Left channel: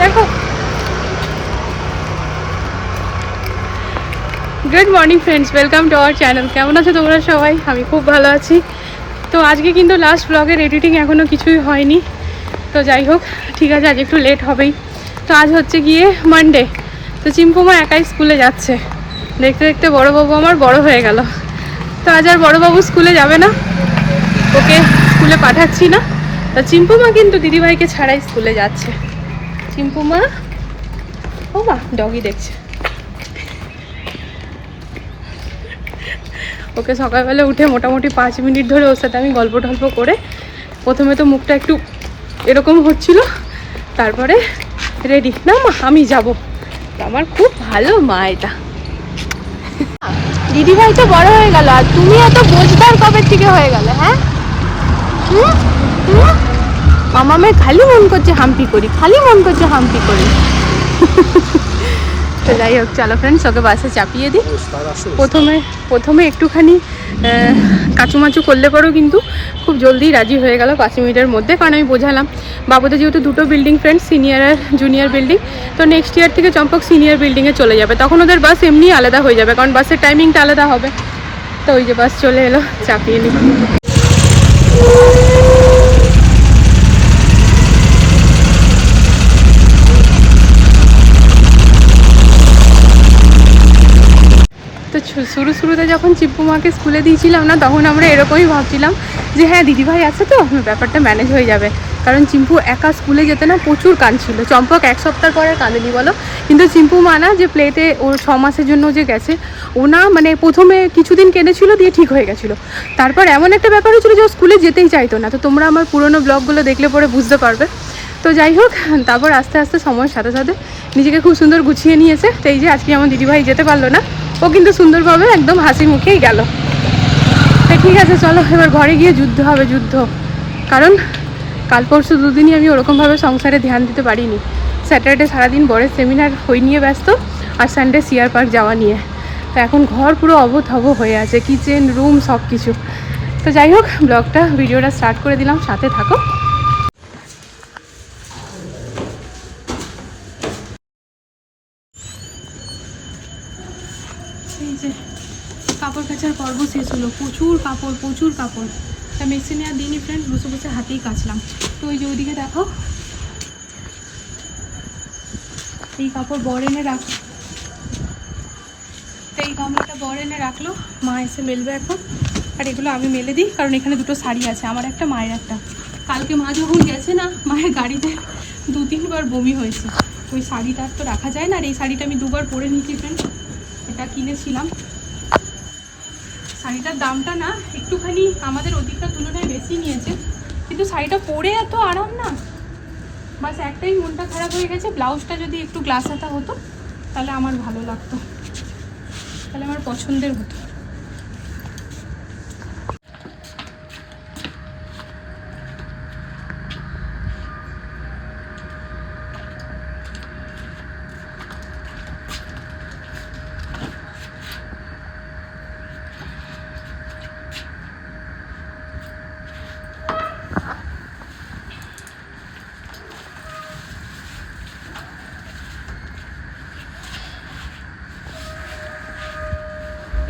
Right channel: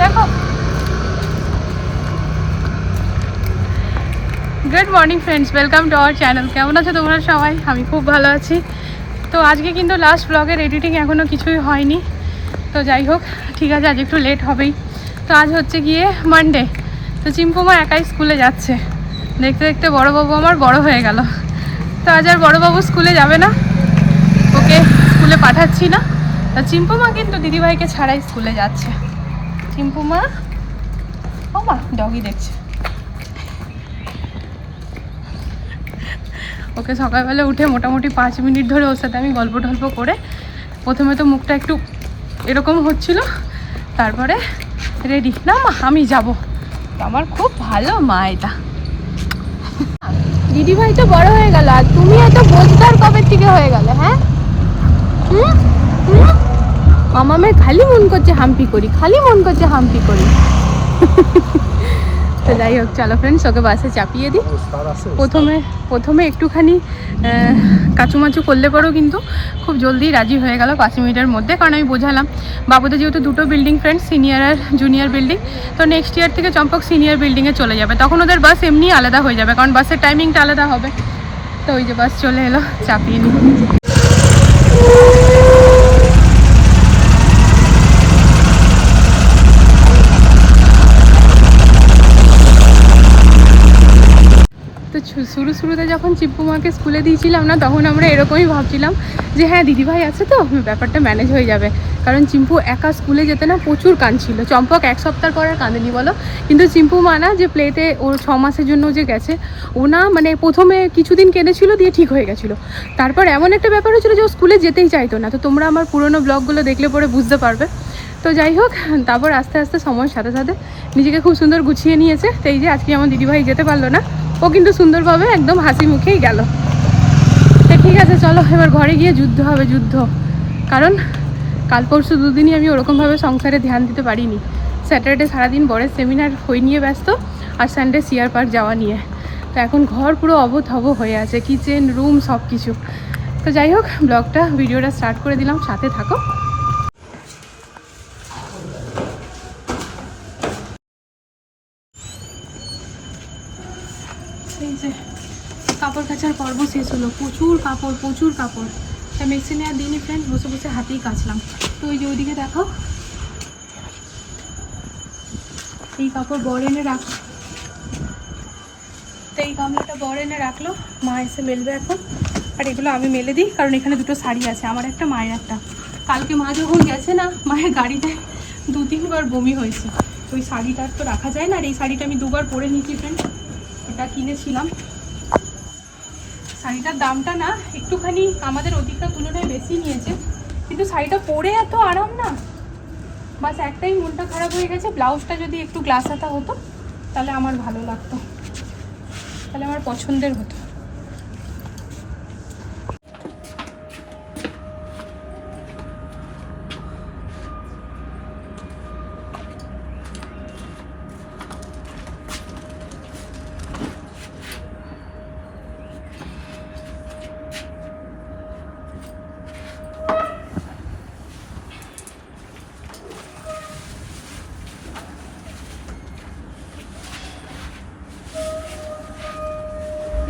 দেখো। Good morning friends welcome to our channel কেমন আছো তোমরা সবাই? আমি খুব ভালো আছি। তো আজকে কিন্তু লাস্ট ব্লগের এডিটিং এখনও কিছুই হয়নি। তো যাই হোক, ঠিক আছে, আজ একটু লেট হবেই। তো আজ হচ্ছে গিয়ে মানডে তো চিম্পুমা একাই স্কুলে যাচ্ছে। দেখতে দেখতে বড়বাবু আমার বড় হয়ে গেল। তো আজ আর বড়বাবু স্কুলে যাবে না। ওকে স্কুলে পাঠাচ্ছি না। তা চিম্পুমা কিন্তু দিদিভাইকে ছাড়াই স্কুলে যাচ্ছে। চিম্পুমা? ও মা ডগি দেখছে। ওকে সকালবেলা উঠে মোটামুটি পাঁচ মিনিট ধরে ওর সাথে আমি গল্প টল্প করে প্রথমে তো মুখটা একটু এরকম হচ্ছিল, তারপরে রেডি না মা, আমি যাব। আমার খুব ভালো মা এটা। দিদি ভাই তো বড় হয়ে গেল, আর তুমি এত বোঝদার কবে থেকে হয়ে গেলে হ্যাঁ? মামামের খালি মন করছে হাম্পি করি, খালি মন করছে হাম্পি করি। তো যাই হোক, চলো ফ্রেন্ডস ওকে বাসে চাপিয়ে দিই। প্রথমে প্রথমে একটুখানি কাচুমাচু করলে পরেও কিন্তু খুব জলদি রাজি হয়ে গেল পাঁচ মিনিটের মধ্যে, কারণ আমি বোঝালাম, বাবুদের যেহেতু দুটো বিল্ডিং ফ্রেন্ড সিনিয়র আর জুনিয়র বিল্ডিং তো নেক্সট ইয়ার থেকে চম্পক সিনিয়র বিল্ডিংয়ে চলে যাবে। তখন ওদের বাস এমনি আলাদা হয়ে যাবে, কারণ বাসের টাইমিংটা আলাদা হবে। তো ওই যে বাস চলে এলো, চাপিয়ে নিই। Woo! শুরু শুরুতে যখন চিপ্পু মাকে স্কুলে দিয়েছিলাম না, তখন আমরা এরকমই ভাবছিলাম যে হ্যাঁ দিদিভাই আছে তো, ব্যাপারটা ম্যানেজ হয়ে যাবে। কারণ চিম্পু একা স্কুলে যেতে না প্রচুর কাঁদছিল। চম্পক এক সপ্তাহ পরে কাঁদেনি বলো? কিন্তু চিম্পু মানা যে প্লেতে ওর ছ মাসের জন্য যে গেছে, ও না মানে প্রথমে কিছুদিন কেঁদেছিল, দিয়ে ঠিক হয়ে গেছিল। তারপর এমন একটা ব্যাপার হচ্ছিল যে ও স্কুলে যেতেই চাইতো না। তো তোমরা আমার পুরোনো ব্লগগুলো দেখলে পরে বুঝতে পারবে। তো যাই হোক, তারপর আস্তে আস্তে সময়ের সাথে সাথে নিজেকে খুব সুন্দর গুছিয়ে নিয়েছে। তো এই যে আজকে আমার দিদিভাই যেতে পারল না ও কিন্তু সুন্দরভাবে একদম হাসি মুখেই গেল। তো ঠিক আছে, চলো, এবার ঘরে গিয়ে যুদ্ধ হবে, যুদ্ধ। কারণ কাল পরশু দুদিনই আমি ওরকমভাবে সংসারে ধ্যান দিতে পারিনি। স্যাটারডে সারাদিন বড়ের সেমিনার হই নিয়ে ব্যস্ত আর সানডে সিয়ার পার্ক যাওয়া নিয়ে। তো এখন ঘর পুরো অবথব হয়ে আছে, কিচেন, রুম সব কিছু তো যাই হোক, ব্লগটা, ভিডিওটা স্টার্ট করে দিলাম, সাথে থাকো এই যে কাপড় কাচার পর্ব শেষ হলো। প্রচুর কাপড় প্রচুর কাপড়। তা মেশিনে আর দিনই ফ্রেন্ড বসে বসে হাতেই কাচলাম। তো ওই যে ওইদিকে দেখো। এই কাপড় বর এনে রাখ তো এই গামলাটা বর এনে রাখল। মা এসে মেলবে এখন। আর এগুলো আমি মেলে দিই, কারণ এখানে দুটো শাড়ি আছে। আমার একটা, মায়ের একটা। কালকে মা যখন গেছে না, মায়ের গাড়িতে দু তিনবার বমি হয়েছে। ওই শাড়িটা তো রাখা যায় না। আর এই শাড়িটা আমি দুবার পরে নিয়েছি ফ্রেন্ড এটা কিনেছিলাম। শাড়িটার দামটা না একটুখানি আমাদের অধিকটা তুলনায় বেশি নিয়েছে। কিন্তু শাড়িটা পরে এত আরাম না। বাস একটাই মনটা খারাপ হয়ে গেছে, ব্লাউজটা যদি একটু গ্লাস হাতা হতো, তাহলে আমার ভালো লাগতো। তাহলে আমার পছন্দের হতো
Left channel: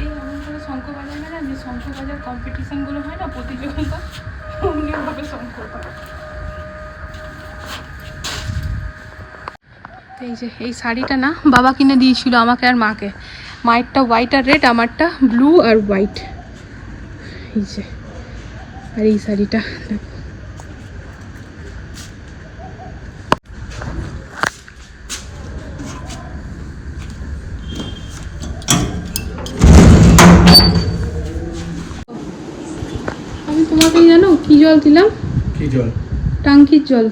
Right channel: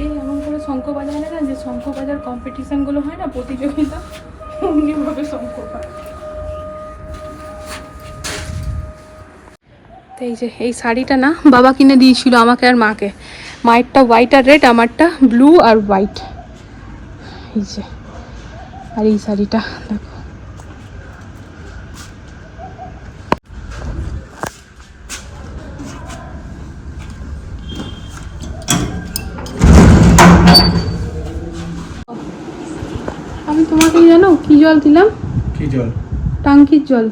এই এমন করে শঙ্খ বাজায় না যে শঙ্খ বাজার কম্পিটিশনগুলো হয় না এই যে, এই শাড়িটা না বাবা কিনে দিয়েছিল আমাকে আর মাকে। মায়েরটা হোয়াইট আর রেড আমারটা ব্লু আর হোয়াইট এই যে, আর এই শাড়িটা, দেখো আমি তোমাকে জানো কি জল দিলাম কি জল। টাঙ্কির জল।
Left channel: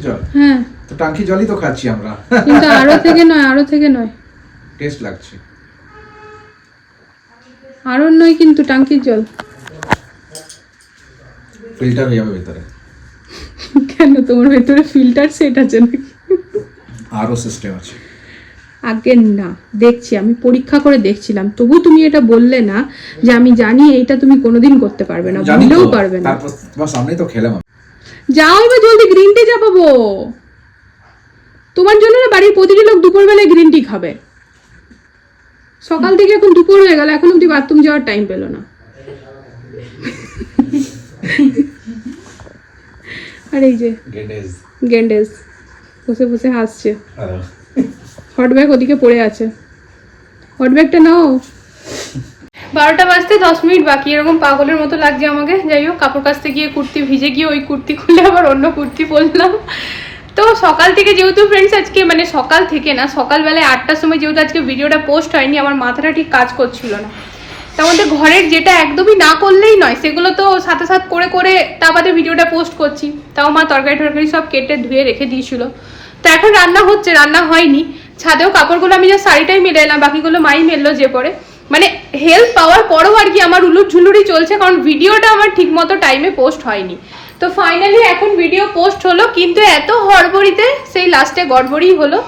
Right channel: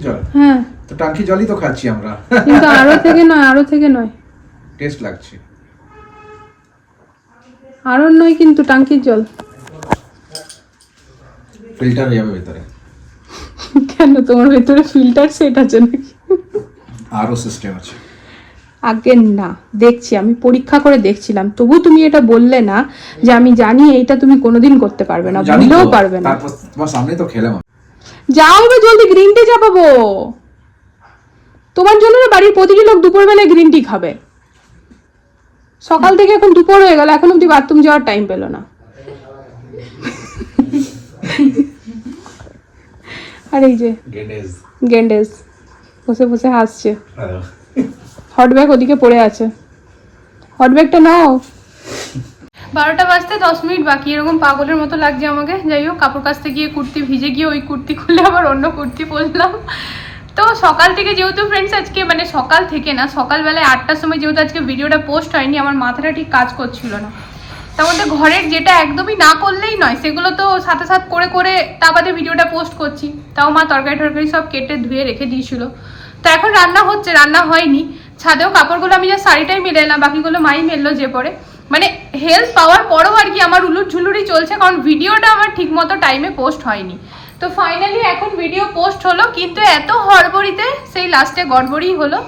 জল? হ্যাঁ। তো টাঙ্কি জলই তো খাচ্ছি আমরা। কিন্তু আরও থেকে নয় আরও থেকে নয়। টেস্ট লাগছে। আরও নয় কিন্তু টাঙ্কির জল। ফিল্টার হয়ে যাবে ভেতরে। কেন? তোমার ভেতরে ফিল্টার সেট আছে নাকি? আরও সিস্টেম আছে। আগে না দেখছি আমি পরীক্ষা করে দেখছিলাম। তবু তুমি এটা বললে না যে আমি জানি এইটা তুমি কোনোদিন করতে পারবে না ভুলেও পারবে না। সামনেই তো খেলাম। যাও এবার জলদি গ্রিন টি চাপাবো। তোমার জন্য না বাড়ির প্রতিটি লোক দুপুরবেলায় গ্রিন টি খাবে। সকাল থেকে এখন দুপুর হয়ে গেল এখন অব্দি বাথরুম যাওয়ার টাইম পেল না। আর এই যে গেন্ডেস বসে বসে হাসছে। হট ব্যাগ ওদিকে পড়ে আছে। হট ব্যাগটা নাও। বারোটা বাজতে দশ মিনিট বাকি, এরকম পাগলের মতো লাগছে আমাকে। যাই হোক, কাপড় কাচতে গিয়ে কুর্তি ভিজে গিয়ে ওই কুর্তি খুলে আবার অন্য কুর্তি পরলাম। তো সকাল থেকে যেহেতু ফ্রেন্ডস আজকে মানে সকাল থেকে না, সকালবেলায় আটটার সময় যেহেতু আজকে ভিডিওটা পোস্ট হয়নি, আমার মাথাটা ঠিক কাজ করছিল না। তার মধ্যে ঘরের যেটা একদমই না করলেই নয়, সেগুলো তো সাথে সাথে করে করে তা বাদে ভিডিওটা পোস্ট করছি। তাও মা তরকারি টরকারি সব কেটে ধুয়ে রেখে দিয়েছিল। তো এখন রান্না হচ্ছে, রান্না হয়নি। ছাদেও কাপড়গুলো আমি যা শাড়িটাই মেলে এলাম, বাকিগুলো মাই মেললো যে পরে। মানে হেল্প পাওয়ার পরেও আর কি আমার উলুট ঝুলুরি চলছে, কারণ ভিডিওটা আমার ঠিকমতো টাইমে পোস্ট হয়নি। তো ফাইনালি এখন ভিডিও পোস্ট হলো, কিন্তু এত হড়বড়িতে সেই লাস্টে গড়বড়ি হলো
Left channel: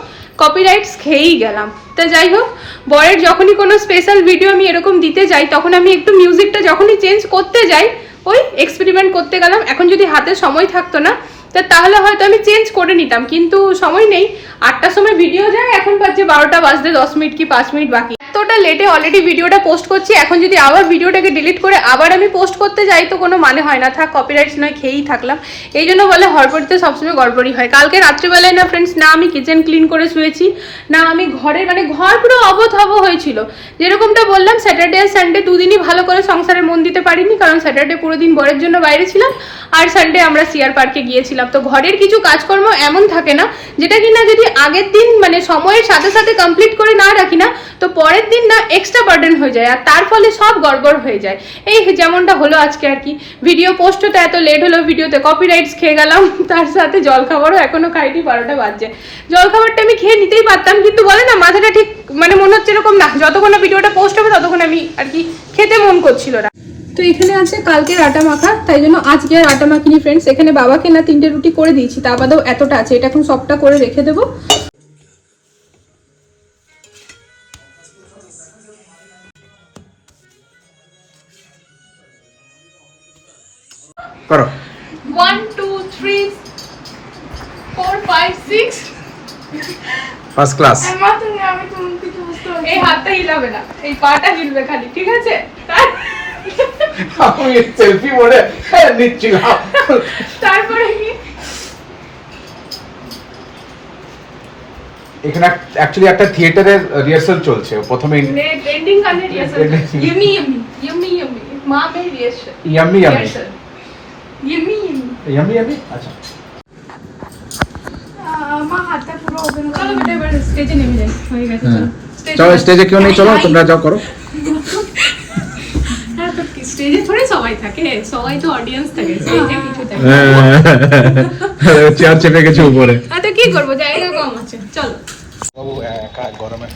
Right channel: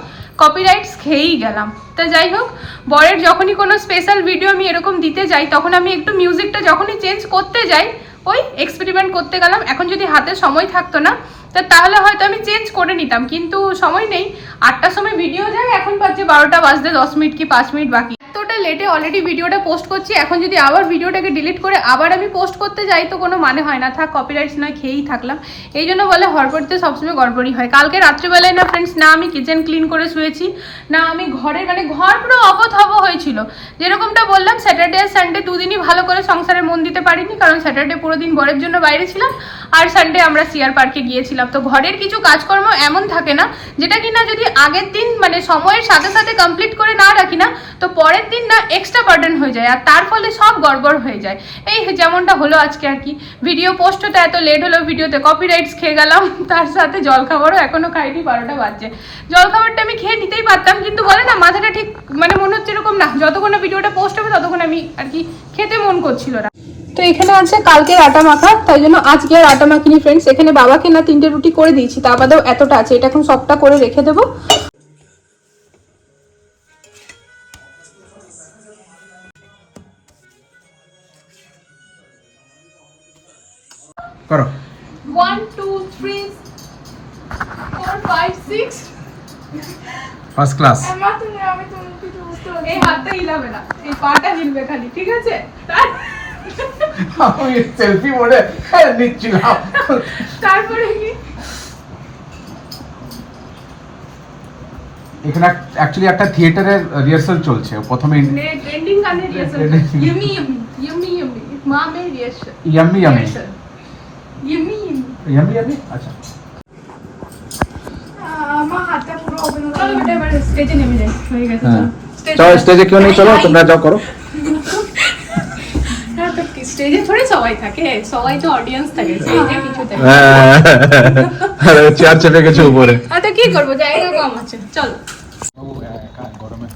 কপিরাইটস খেয়েই গেলাম। তা যাই হোক, বরের যখনই কোনো স্পেশাল ভিডিও আমি এরকম দিতে যাই, তখন আমি একটু মিউজিকটা যখনই চেঞ্জ করতে যাই, ওই এক্সপেরিমেন্ট করতে গেলাম। এখন যদি হাতে সময় থাকতো না তা তাহলে হয়তো আমি চেঞ্জ করে নিতাম, কিন্তু সময় নেই। আটটার সময় ভিডিও যায়, এখন বাজছে বারোটা, বাজতে দশ মিনিট কি পাঁচ মিনিট বাকি। এতটা লেটে অলরেডি ভিডিওটা পোস্ট করছি, এখন যদি আবার ভিডিওটাকে ডিলিট করে আবার আমি পোস্ট করতে যাই, তো কোনো মানে হয় না। থাক কপিরাইটস নয়, খেয়েই থাকলাম। এই জন্য বলে হড়বড়িতে সবসময় গড়বড়ি হয়। কালকে রাত্রিবেলায় না ফ্রেন্ডস না আমি কিচেন ক্লিন করে শুয়েছি, না আমি ঘরের মানে ঘর পুরো অবথাব হয়েছিল। যেরকমটা বললাম স্যাটারডে আর সানডে দুদিনই ভালো করে সংসারে মন দিতে পারিনি, কারণ স্যাটারডে পুরো দিন বরের জন্য বাইরে ছিলাম, আর সানডে আমরা সিয়ার পার্কে গিয়েছিলাম। তো ঘরের কিছু কাজকর্ম এমন থাকে না, যেটা কিনা যদি আগের দিন মানে সময়ের সাথে সাথে কমপ্লিট করে না রাখি না, তো পরের দিন না এক্সট্রা বার্ডেন হয়ে যায়, আর তার ফলে সব গড়বড় হয়ে যায়। এই যেমনটা হলো আজকে আর কি। ভিডিও পোস্ট হতে এত লেট হলো ভিডিওতে কপিরাইটস খেয়ে গেলাম, তার সাথে জল খাবারও এখনও খাইনি, বারোটা বাজছে। জল খাবারটা আমি খেয়ে নিতেই পারতাম কিন্তু বলে না মাথাটা ঠিক মানে মনে হচ্ছে এরকম না। যতক্ষণ না ভিডিওটা পোস্ট হবে ততক্ষণ আমি আর কি খেতে মন করছিল না। তো এখানে আছে কালকের আটা মাখা তাই জন্য আজকে আর আটা মাখিনি ফ্রেন্ডস এখানে বাবাকে না তিনটে রুটি করে দিয়েছি তা বাদেও এতটা আছে। এটা এখন সবটা করে রেখে দেবো। করো। One two three four five six first class এই হাতটা হিলাবে না এই পাটা হিলবে খালি ঠিক আছে? আমি সেলফি মোডে নিচ্ছিলাম। তারপরে কি? এখানে অ্যাকচুয়ালি একটা থিয়েটারের রিহার্সাল চলছে প্রথমে এন্ডিং কানে রিহার্সাল মা মে রিহার্সাল আচ্ছা। স্টেজে নেমে যাই হয়ে গেছে হ্যাঁ। চলো। স্টেজে কেউ নেই চলো। তোমরা যাও করো। হ্যাঁ, স্টেজে থোড়ি সবাই থাকে সবাই তো অডিয়েন্স থাকে স্টেজে কিছু থাকে। চেয়ার চেপে গেছে উপরে। আর তো কি করব জায়গা কম আছে চলো। বাবু একা গরমে।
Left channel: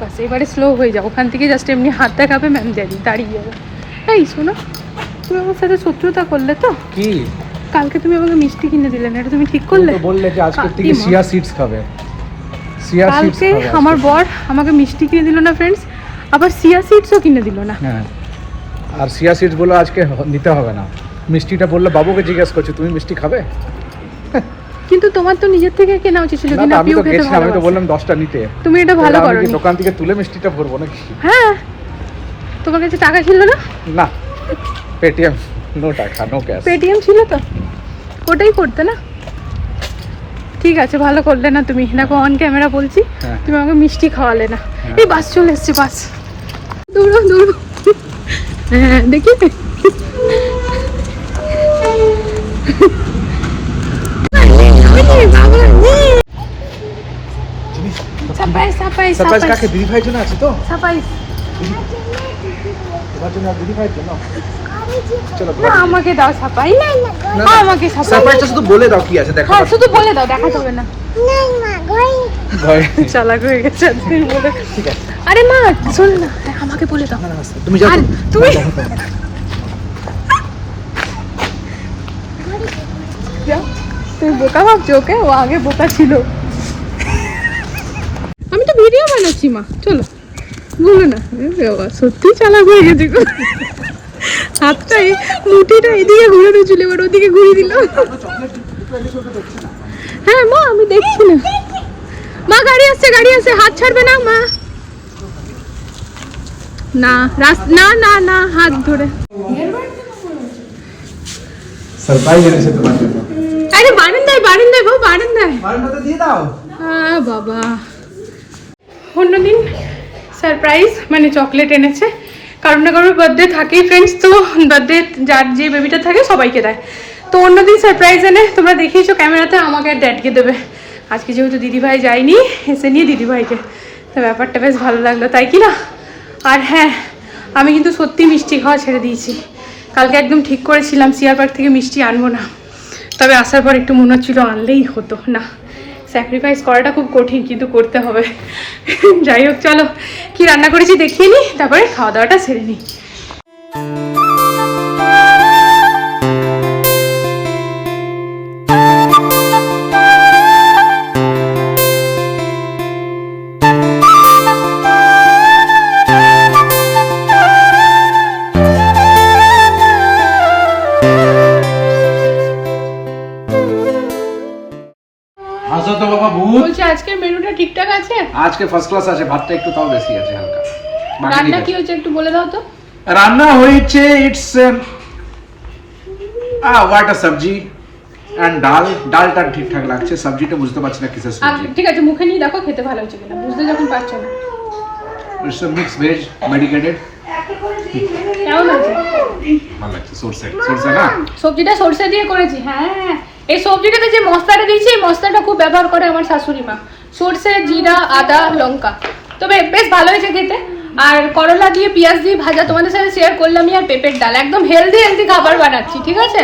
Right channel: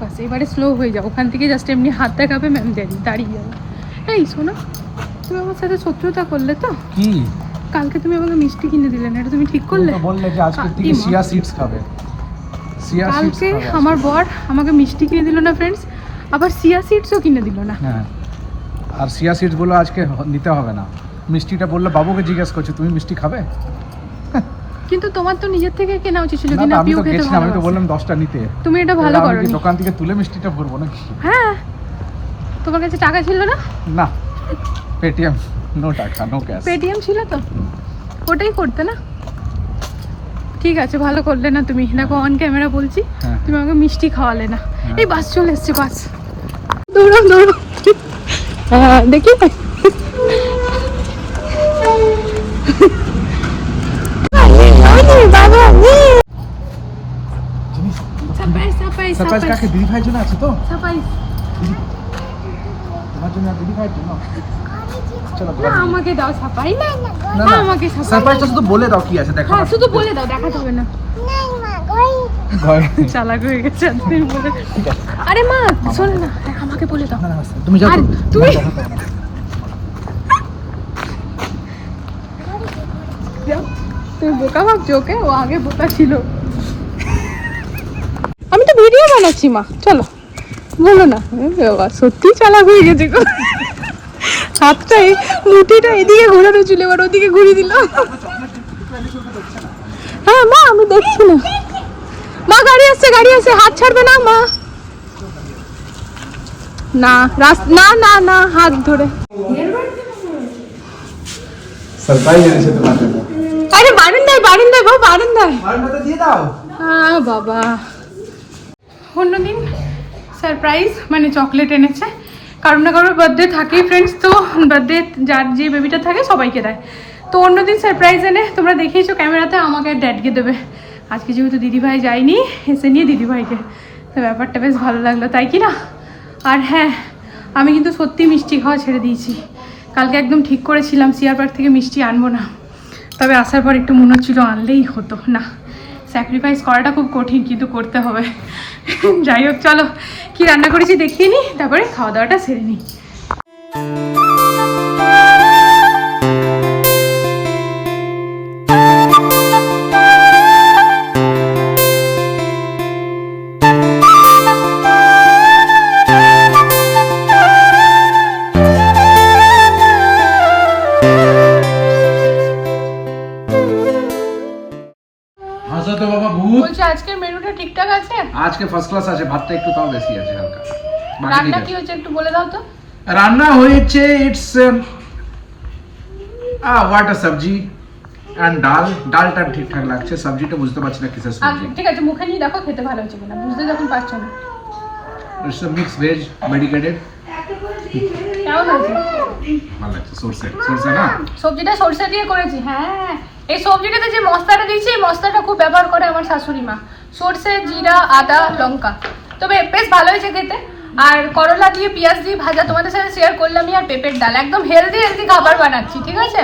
বাস এবারে স্লো হয়ে যাও ওখান থেকে জাস্ট এমনি হাত দেখাবে ম্যাম জানি দাঁড়িয়ে যাব। এই শোনো তুমি আমার সাথে শত্রুতা করলে তো? কি? কালকে তুমি আমাকে মিষ্টি কিনে দিলে না এটা তুমি ঠিক করলে? তো বললে যে আজকের থেকে সিয়া সিডস খাবে। সিয়া সিডস কালকে আমার বর আমাকে মিষ্টি কিনে দিল না ফ্রেন্ডস আবার সিয়া সিডসও কিনে দিল না। হ্যাঁ। আর সিয়া সিডস বলে আজকে নিতে হবে না। মিষ্টিটা বললে বাবুকে জিজ্ঞেস করছে তুমি মিষ্টি খাবে? কিন্তু তোমার তো নিজের থেকে কেনা উচিত ছিল না আমি তো গেছিলাম আমি তো বললাম দশটা নিতে। তুমি এটা ভালো আমি দোকান থেকে তুলে মিষ্টিটা ভরবো নাকি? হ্যাঁ। তোমার কাছে টাকা ছিল না? না। পেটিএম নো টাকা নো ক্যাশ পেটিএম ছিল তো? ওটাই করতে না? ঠিক আছে ভালো করলে না তুমি। দেখো অন ক্যামেরা বলছি হ্যাঁ। তুমি আমাকে মিষ্টি খাওয়ালে না। হ্যাঁ। এই বাস চলে এসছে বাস। দৌড়ো দৌড়ো হ্যাঁ দেখি। সারপ্রাইজ কাকে? দিদি ভাইয়ের জন্য আছে তো? সারপ্রাইজ তোমার জন্য দিদি ভাইয়ের জন্য। চলো আমাকে দাও সারপ্রাইজ না না, না না। আমাকে সারপ্রাইজ সারপ্রাইজটা শুধু বলে দাও কি আছে দেখা শুধু বলে দাও দেখা যাবে না। চালাক হয়ে গেছে আজকে বলে ঠিক আছে। আরে মা শোন না আমাকে বলে দাও। না না তুমি যাও আর তুমি- তোমার দেখো তো। বোকা ভাবছ ওকে? ও আগে বোকা ছিল। আমি তো ভিডিও বানাচ্ছি মা। চলো। বলো না বাবা সত্যি চালাক হয়ে গেছে হাতটাই মুঠিটা এদিকে ঘোরানো ছিল এবার ওদিকে ঘুরিয়ে দিল। হ্যাঁ মা আমি দেখছি না। মা গাড়ি আসছে গাড়ি আসছে হাত ছাড়বে না মা? না রাস না না না হাত ধরে। আরে বারান্দায় বারান্দায় গো বারান্দায়। দিয়ে দাও। হ্যাঁ বাবা। অন্যদিন সারপ্রাইজ মানে চকলেট এনেছে। কারোর না কারোর বার্থডে থাকেই ফ্রেন্ডস তো বার্থডে যার যে বেবিটা থাকে সবাইকে দেয়। তো অন্যদিন সারপ্রাইজ এনে তোমরা দেখিয়েছো ক্যামেরাতে, আমাকে ড্যাডকে দেবে। আজকে যেহেতু দিদিভাই যায়নি, এসে নিয়ে দিদিভাইকে। তো ব্যাপারটা বেশ ভালো লাগল, তাই কি না? আর হ্যাঁ আমি কিন্তু সত্যি মিষ্টি খাওয়া ছেড়ে দিয়েছি। কালকে একদম ঠিক করেছিলাম, সিয়ার পার্ক থেকে মিষ্টি আনব না। তবে আসার পর একটু মনে হচ্ছিল আনলেই হতো, না। স্যাক্রিফাইস করাটা খুব কঠিন, কিন্তু করতে হবে। যাই হোক, চলো। কি রান্না করেছি দেখিয়ে নিই তারপরে খাওয়া দাওয়াটা সেরে নিই আজকে ফার্স্ট ক্লাস আছে ভাতটা একটু তাও বেশি আছে হালকা। রান্না কি। হয়েছে একটু বলে দাও তো। রান্না হয়েছে ইটস আ হোয়াট আ সবজি এন্ড ডাল। ডালটা ঠিকঠাক লাগছে সবজিটা বুঝতে পারছি না কিসের সবজি। ঠিক আছে মুখে নিয়ে দেখো খেতে ভালো হচ্ছে কিনা। বুঝতে যখন পারছ না। It's a mix veg medicated কেমন আছে ভালো লাগছে সরষে সরষে না? সবজিটা সরষে দিয়ে করেছি হ্যাঁ। এই সবজিটাতে যে মশলাটা দিয়েছি এই মশলাটা খুব ব্যবহার করে আমার শাশুড়ি মা। সরষে জিরা আদা লঙ্কা। তবে বেশ ভালো হয়েছে খেতে। আর করলা দিয়ে পেঁয়াজ দিয়ে ভাজা তোমাদের সাথে শেয়ার করলামই আর পেঁপের ডাল। একদম হেলদি হেলদি খাবার বানাচ্ছি ঠিক আছে?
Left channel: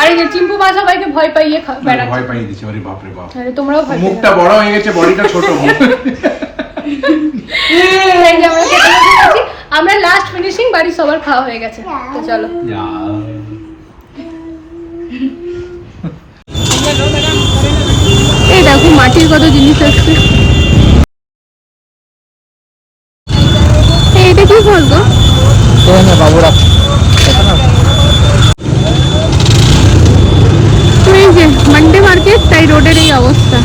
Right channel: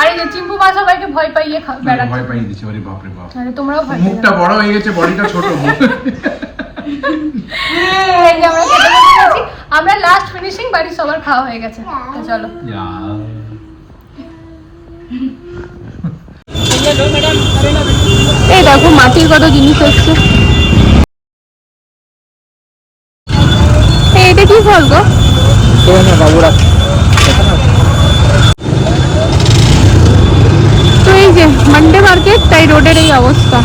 আর এই যে চিম্পু মা সবাইকে ভয় পাইয়ে বেড়াচ্ছি। ভয় পাইয়ে দিচ্ছি ওরে বাপ রে বাপ। আরে তোমরাও ভয় মুখটা বড় হয়ে গেছে বডিটা ছোট আমরা খেতে আমরা লাস্ট ফিনিশিং বাড়ির সবার খাওয়া হয়ে গেছে। তো চলো এই দেখো মাটির কত জিনিস আসছে? এটা কি ফল গো? বাবুরা। তো এই যে মান্ডে মার্কেট তাই রোডের এই অবস্থা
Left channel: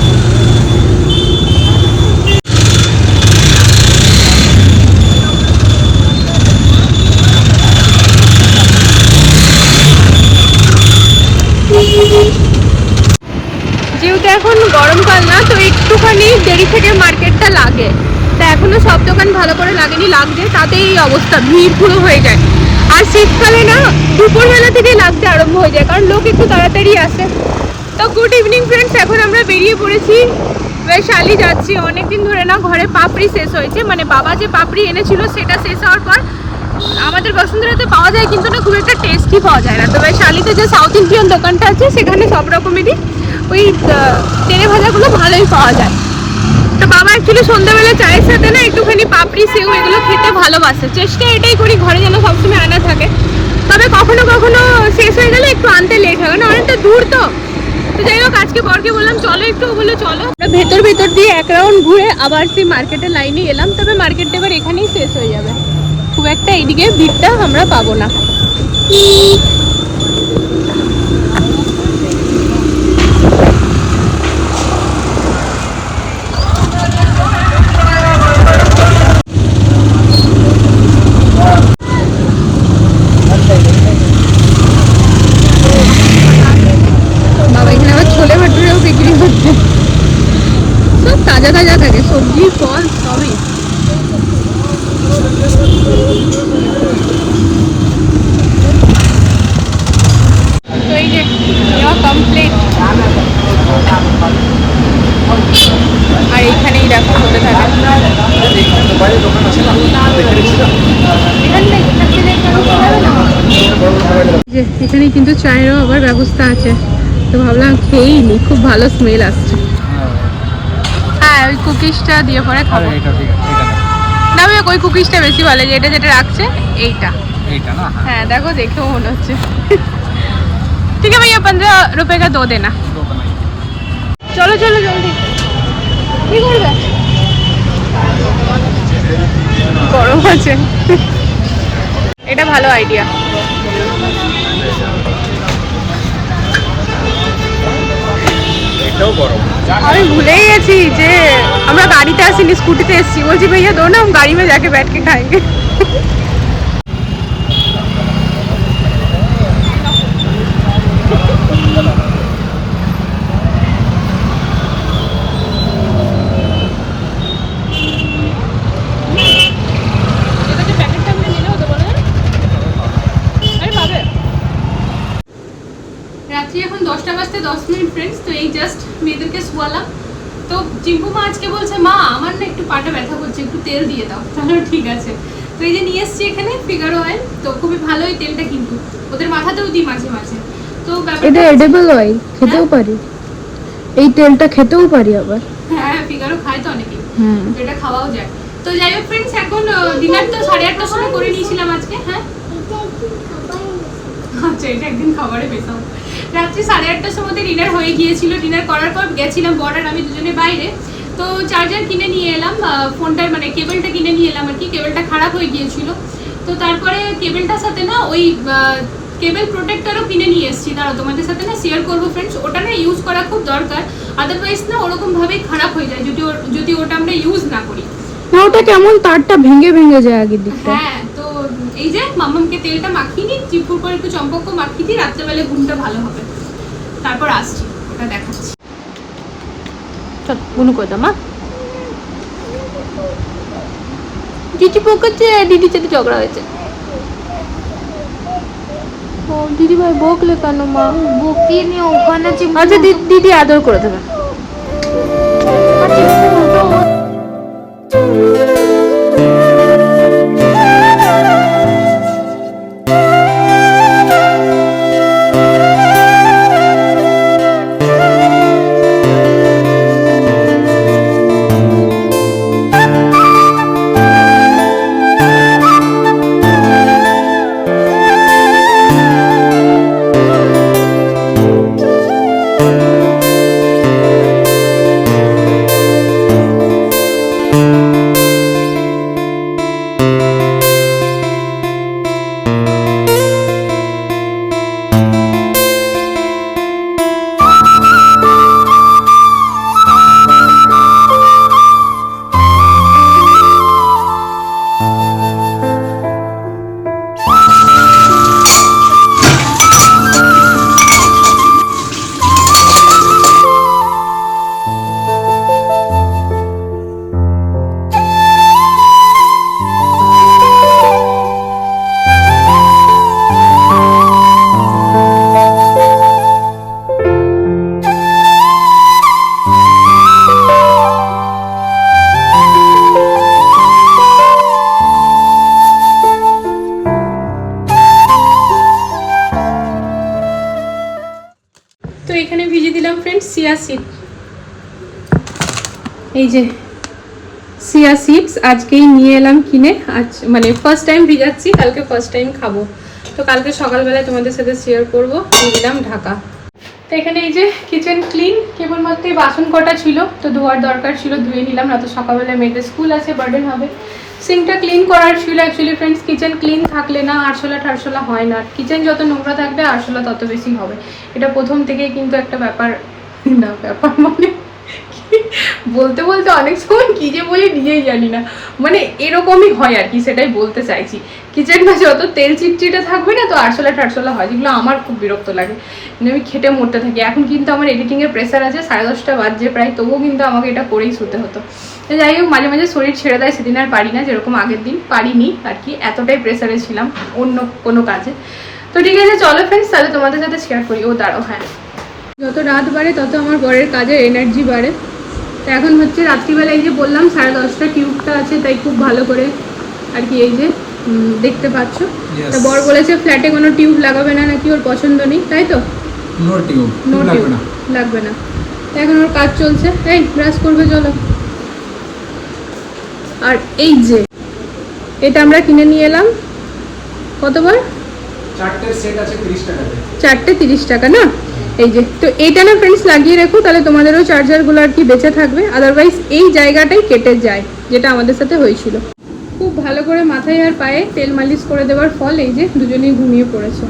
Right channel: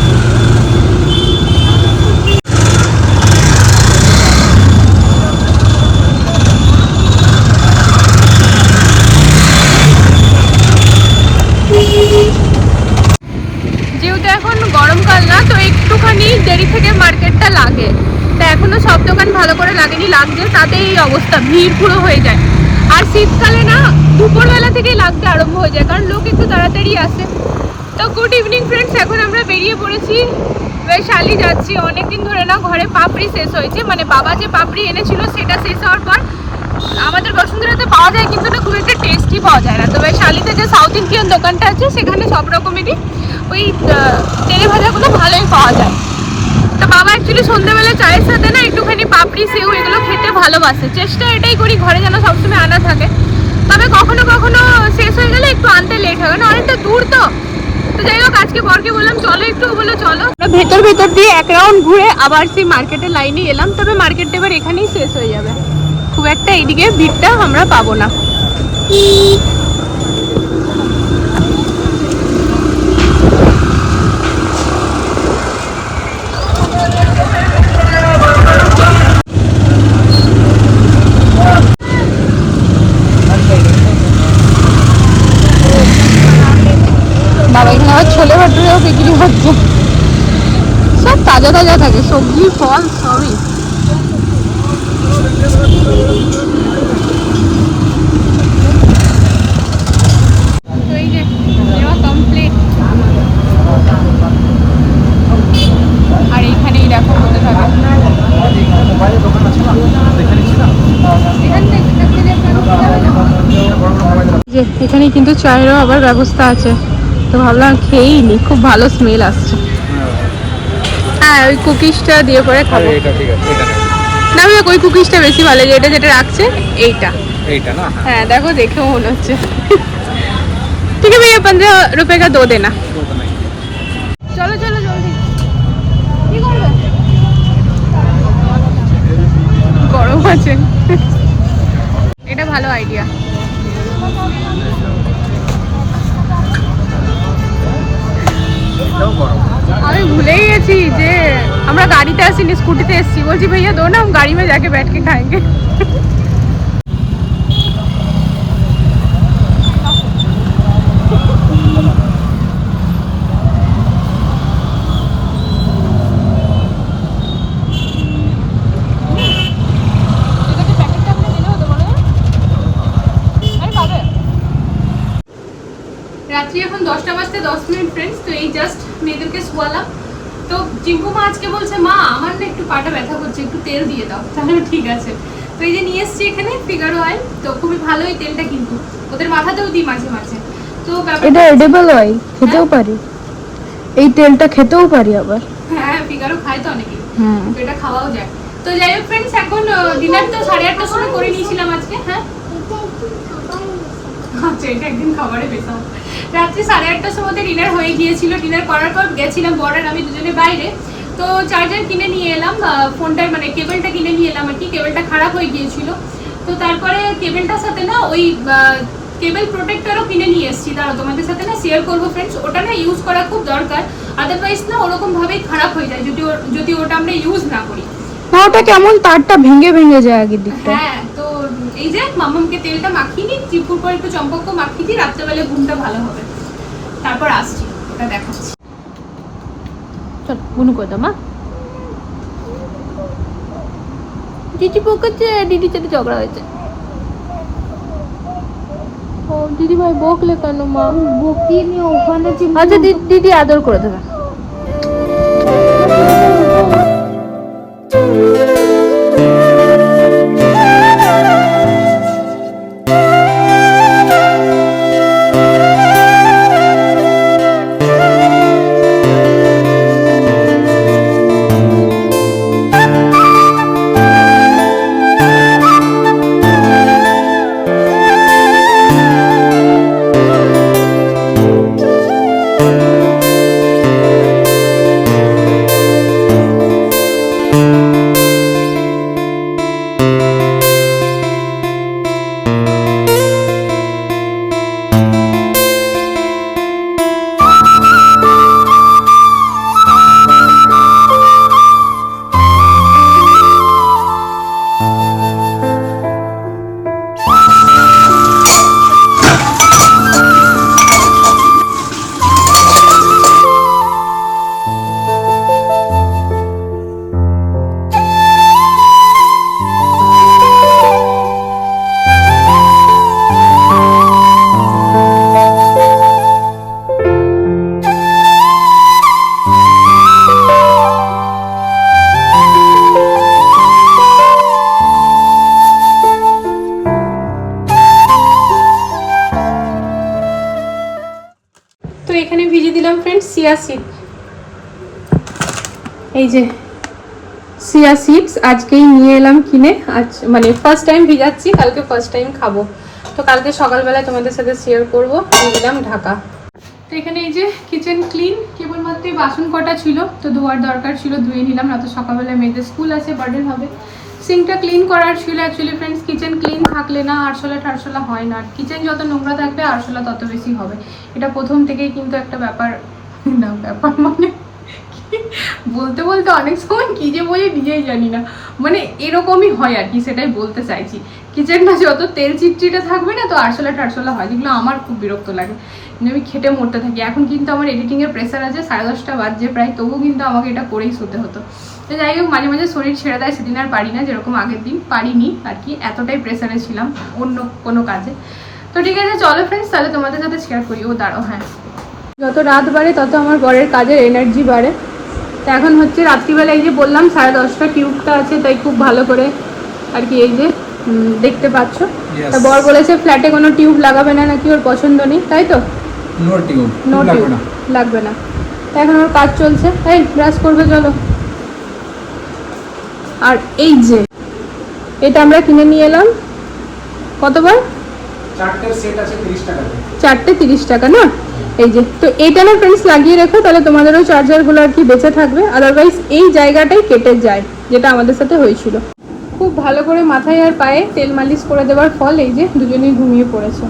যেহেতু গরমকাল না, তো একটুখানি দেরি থেকে মার্কেটটা লাগে। তা এখনও সব দোকান ভালো করে লাগেনি, লাগছে, তাতেই এই অবস্থা, ভিড় পুরো হয়ে যায়। আর শীতকালে না, দুপুরবেলা থেকেই লাগতে আরম্ভ হয়ে যায়, কারণ লোক একটু তাড়াতাড়ি আসে। তো গুড ইভিনিং ফ্রেন্ডস এখন আমরা বেরিয়ে পড়েছি। বৈশালী যাচ্ছি, অনেকদিন ধরে না ঘরে পাপড়ি শেষ হয়েছে মানে বাবা যে পাপড়ি এনেছিল, সেটা শেষ হওয়ার পর আমাদের বসুন্ধরাতে পাওয়া যায়, কিন্তু না খুব একটা টেস্টি পাওয়া যায় না। তো বৈশালীতে যে সাউথ ইন্ডিয়ান দোকানটা আছে, সেখানে সব রকমেরই ওই তেলে ভাজাগুলো ভালোই পাওয়া যায়। তো বাবা অ্যাকচুয়ালি সন্ধ্যাবেলা চায়ের সাথে না একটুখানি পাপড়ি, সেও এগুলো খেতে ভালোবাসে। চেষ্টা এটাই করি, ঘরে যেন সবসময় আনা থাকে। তবে কখনো কখনো শেষ হয়ে গেলে একটু আনতে লেট হবে না অনেকটা দূর তো। তো যাই হোক, আজকে বরকে বললাম, চলো একটু বলে চলো। ভেতর ভেতর দিয়ে এক রাউন্ড ঘুরে আবার সেই মার্কেটের লাইনে এলাম, তবে মার্কেটটা এবার এখানেই শেষ হয়ে যাবে। খুব একটা এদিকে ভিড়টা আমরা পাবো না। বাবা এখানে আবার ছোলে ভাটুরেও বিক্রি হচ্ছে। সব তাজা তাজা থাকে, সবজি ফল সবই তো এই যে নেওয়া কমপ্লিট আর এইখানেই দেখো হতে থাকে মোবাইলের দোকান আছে না দেখে নিচ্ছি না বড় বড় মোবাইলের যে এখানে কিন্তু চায়েরও আবার ব্যবস্থা আছে। তো ভাবলাম খেয়েই নি খুব ভালো স্মেল আসছে। হ্যাঁ ওই কুকিজটা দিয়ে পরে খাব। না ভাই ওই কুকিজটা বেশি ভালো যে এটা যেটা রাখছে এইটা। এইটা না? হ্যাঁ।, হ্যাঁ দেখো দেখেও মনে হচ্ছে। ঠিক আছে ভাইয়া পনেরো রুপে কা দো দেনা চলো চলো জলদি। কি করবে? গরম আছে। এটা ভালো আইডিয়া এটাও গরম আমি ভুলে গেছি যে আমরা গাড়িতে আসিনি স্কুটিতে এসেছি বলছি ভাইয়া দাও না আমরা গাড়িতে যাকে ব্যাটকে খাएँगे রাত্রি এখন দশটা বাজতে দশ মিনিট ফ্রেন্ডস তো এই জাস্ট মেয়েদেরকে শোয়ালাম। তো চিম্পু মা আজকে বলছে মা আমার না একটু পাটা ব্যথা করছে একটু তেল দিয়ে দাও। তাহলে ঠিক আছে। তো এই যে নিয়ে এসছি এখানে ফিগারো অয়েল তো খুবই ভালো এই তেলটা কিন্তু। ওদের মাথাতেও দিই মাঝে মাঝে। তো এটা এডেবল হয় খেতেও হ্যাঁ? পারি। এই তেলটা খেতেও পারি আবার। হ্যাঁ ফিগারো খায় তো অনেকেই। হুম। তো এটা খাওয়াও যায়। তো যাই হোক ফ্রেন্ডস এখন ডিনার তো সাড়ে আটটার সময় করে নিয়েছিলাম আজকে হ্যাঁ? আচ্ছা এটা একদিন খাবারে পেতাম রাত্রি সাড়ে আটটার সময় ডিনার হয়ে গিয়েছিল। ডিনার করার পর গেছিলাম বর আমি দুজনে বাইরে। তো চার্জার কিনে নিয়ে এলাম ফোনটার মানে কেবলটা কিনে নিয়ে এলাম আর কি। কেবলটা খারাপ হয়ে গিয়েছিল। তো তারপরে কেবলটার সাথে না ওই কেবল প্রোটেক্টরও কিনে নিয়ে এসেছি। দাঁড়াও তোমাদের সাথে না শেয়ার করব ফ্রেন্ডস ওটা না ইউজ করা খুব দরকার। আদারওয়াইজ না ওরকম ভাবেই খারাপ হয়ে যায়। যদি যদি ওটা আমরা ইউজ না করি। না ওটা কেমন তারটা ভেঙে ভেঙে যায় আগের দিকটা। হ্যাঁ এই যে মামামকে তেলটা মাখিয়ে নিই চিপুর পর একটু চম্পকও মাখিয়ে দিই রাত্রেবেলা ঘুমটা ভালো হবে। তারপর আসছি ওটা দেখাচ্ছি। চল বুনু করে দাও মা। চিচি পকেছে দিদির সাথে ঝগড়া হয়েছে। ও দিদি ভাই বকলে কেন মা? আচ্ছা দিদি দিদি আদর করে দেবে। আজকেই নিয়ে এলাম কিনে। আজ মানে ফার্স্ট টাইম ভিজাচ্ছি, কালকে ফার্স্ট টাইম খাব। তো কালকে সকালবেলায় তোমাদের সাথে শেয়ার করব। দিলাম ঢাকা। তো এখানে এই যে কিচেন ক্লিন কেবলমাত্র বাসন কটা ছিল, তো ধোয়ার দরকার ছিল, ধুয়ে নিলাম। না তো সকালবেলায় মেয়েদের স্কুল আছে বার্ডেন হবে। সিঙ্কটা ক্লিন করার ছিল অ্যাকচুয়ালি ফ্রেন্ডস কিচেন ক্লিন থাকলে না, আরশোলা টারশোলা হয় না। কিচেন যত নোংরা থাকবে, আরশোলা তত বেশি হবে। এটা প্রথম থেকেই কিন্তু একটা ব্যাপার, না ব্যাপার মানে? বলতে বলতে অনেক সময় কি যে বলি নিজেই জানি না। মানে এরকমই হয় আর কি, সেটাই বলতে চাইছি। কিচেনটা যত তেল চিটচিটে থাকবে না, তো আরশোলা টারশোলা হয়, যেগুলো আমার খুব বিরক্ত লাগে। মানে আমি খেটে মরতে থাকি। এখন কিন্তু আমার এডিটিংয়ের প্রেশার আছে, সাড়ে দশটা বাজছে প্রায়, তবুও কিন্তু আমাকে এটা করেই শুতে হতো। যাই হোক, মাঝে মাঝে শরীর ছেড়ে দেয়, সেদিন আর পারি না, যেরকম আগের দিন, পারিনি আর কি, এতটাই প্রেশারে ছিলাম অন্য কোনো কাজে। তো ঠিক আছে, চলো ফ্রেন্ডস তাহলে তোমাদের সাথে শেয়ার করি। ও, দাঁড়াও হ্যাঁ। যত রাত বাড়ে, তত আমার বরের কাজের এনার্জি বাড়ে। তো এখন হচ্ছে রাত্রিবেলা এই যে বললাম সাড়ে দশটা টিউবটা আছে তাই খুব ভালো করে আর কি এই যে দেখতে পাচ্ছ। তা বর বলেছে ফ্ল্যাটে কোনো টিউব লাগাবে না নাকি ওর পছন্দ নেই তাই তো? নো টিউব নো টিউব লাগবে না। তা এখন ওর কাজ চলছে। এই ব্রাশ করবে চলো। আর এই যে এটা আমরা কিনে নিয়ে এলাম। কতবার? চারটে সেট আছে তিরিশ টাকা চারটে তিরিশ টাকা না? এই যে, তো এইটা না ফ্রেন্ডস লাগিয়ে রেখো, তাহলে তোমাদেরও চার্জারগুলো আর কি বেঁচে থাকবে। আদারওয়াইজ এই জায়গাটাই কেটে যায়, যেটা আমাদের সাথে হয়েছিল। খুব ভালো করে মাথায় আর পায়ে তেল মালিশ করে দেওয়ার ফল এই যে দুজনেই ঘুমিয়ে পড়েছে।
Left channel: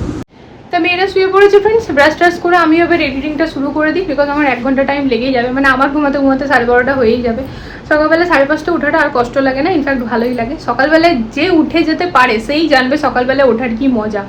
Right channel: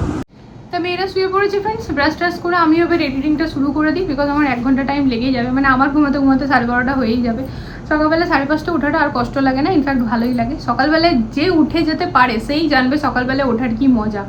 তা মেয়েরা শুয়ে পড়েছে ফ্রেন্ডস ব্রাশ ট্রাশ করে আমি এবার এডিটিংটা শুরু করে দিই বিকজ আমার এক ঘণ্টা টাইম লেগেই যাবে। মানে আমার ঘুমাতে ঘুমাতে সাড়ে বারোটা হয়েই যাবে। সকালবেলা সাড়ে পাঁচটা ওঠাটা আর কষ্ট লাগে না ইনফ্যাক্ট ভালোই লাগে। সকালবেলায় যে উঠে যেতে পারে, সেই জানবে সকালবেলা ওঠার কি মজা।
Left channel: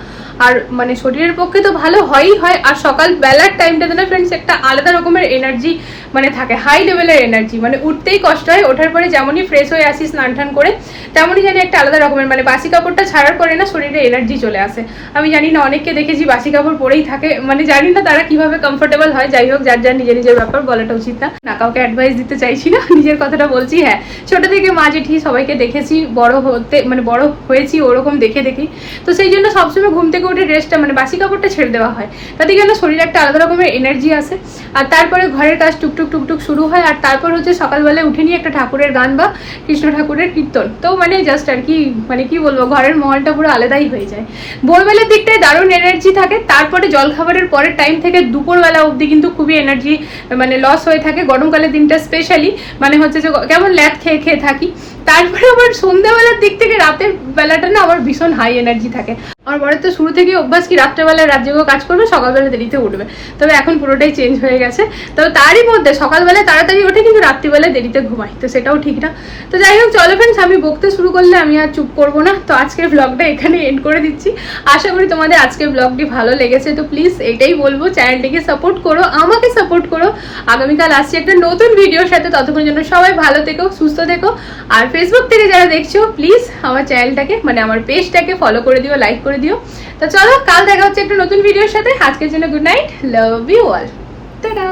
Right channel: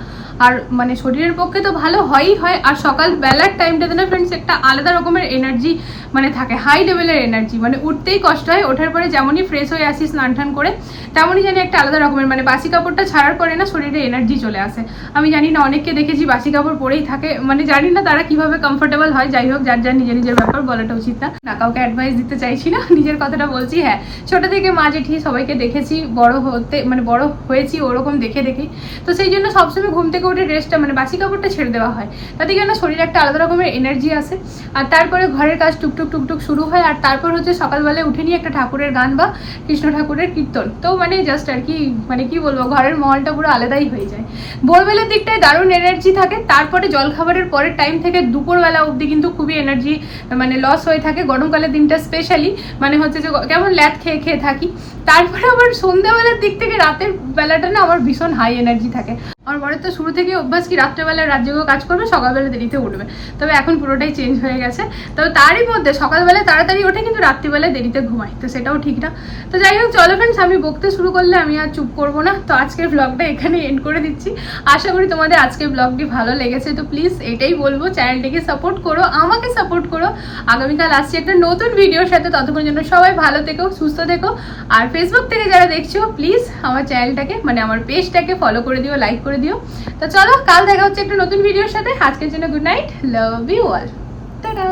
আর মানে শরীরের পক্ষে তো ভালো হয়ই হয়, আর সকালবেলার টাইমটাতে না ফ্রেন্ডস একটা আলাদা রকমের এনার্জি মানে থাকে হাই লেভেলের এনার্জি মানে উঠতেই কষ্ট হয়, ওঠার পরে যেমনই ফ্রেশ হয়ে আসি স্নান টান করে তেমনই জানি একটা আলাদা রকমের মানে বাসি কাপড়টা ছাড়ার পরে না শরীরে এনার্জি চলে আসে। আমি জানি না, অনেককে দেখেছি বাসি কাপড় পরেই থাকে মানে জানি না তারা কীভাবে কমফোর্টেবল হয়, যাই হোক, যার যার নিজের নিজের ব্যাপার বলাটা উচিত না। না কাউকে অ্যাডভাইস দিতে চাইছি না, নিজের কথাটা বলছি হ্যাঁ। ছোট থেকে মা জেঠি সবাইকে দেখেছি, বড় হতে মানে বড় হয়েছি, ওরকম দেখে দেখি। তো সেই জন্য সবসময় ঘুম থেকে উঠে ড্রেসটা মানে বাসি কাপড়টা ছেড়ে দেওয়া হয়। তাতে কেন শরীরে একটা আলাদা রকমের এনার্জি আসে। আর তারপরে ঘরের কাজ টুকটুক টুকটুক শুরু হয়, আর তারপর হচ্ছে সকালবেলায় উঠে নিয়ে একটা ঠাকুরের গান বা কৃষ্ণ ঠাকুরের কীর্তন। তো মানে জাস্ট আর কি মানে কি বলব, ঘরের মহলটা পুরো আলাদাই হয়ে যায়। ভোরবেলার দিকটায় দারুণ এনার্জি থাকে, তারপরে জলখাবারের পরের টাইম থেকে দুপুরবেলা অবধি কিন্তু খুবই এনার্জি মানে লস হয়ে থাকে। গরমকালের দিনটা স্পেশালি মানে হচ্ছে যে কেমন ল্যাদ খেয়ে খেয়ে থাকি। তারপরে আবার সন্ধ্যাবেলার দিক থেকে রাতের বেলাটা না আমার ভীষণ হাই এনার্জি থাকে। আমার বরের তো শুরু থেকেই অভ্যাস কি রাত্রেবেলা রাত জেগেও কাজ করবে, সকালবেলা দেরিতে উঠবে। তবে এখন পুরোটাই চেঞ্জ হয়ে গেছে। তবে তারই মধ্যে সকালবেলায় তাড়াতাড়ি ওঠে কিন্তু রাত্রিবেলায় দেরিতে ঘুমাই, তো সেটাও ঠিক না। তো যাই হোক, চলো ফ্রেন্ডস আমি বকতে শুরু করলে আমি আর চুপ করব না। তো আজকের ব্লগটা এখানে এন্ড করে দিচ্ছি। আশা করি তোমাদের আজকের ব্লগটি ভালো লেগেছে, তো প্লিজ এটাই বলব চ্যানেলটিকে সাপোর্ট করো, আমাকে সাপোর্ট করো। আগামীকাল আসছি একটা নতুন ভিডিওর সাথে ততক্ষণ জন্য সবাই ভালো থেকো, সুস্থ থেকো, আর ফেসবুক থেকে যারা দেখছ প্লিজ আমার চ্যানেলটাকে মানে আমার পেজটাকে ফলো করে দিও লাইক করে দিও। তো চলো, কাল দেখা হচ্ছে একটা নতুন ভিডিওর সাথে। আজকের জন্য good night love you all tata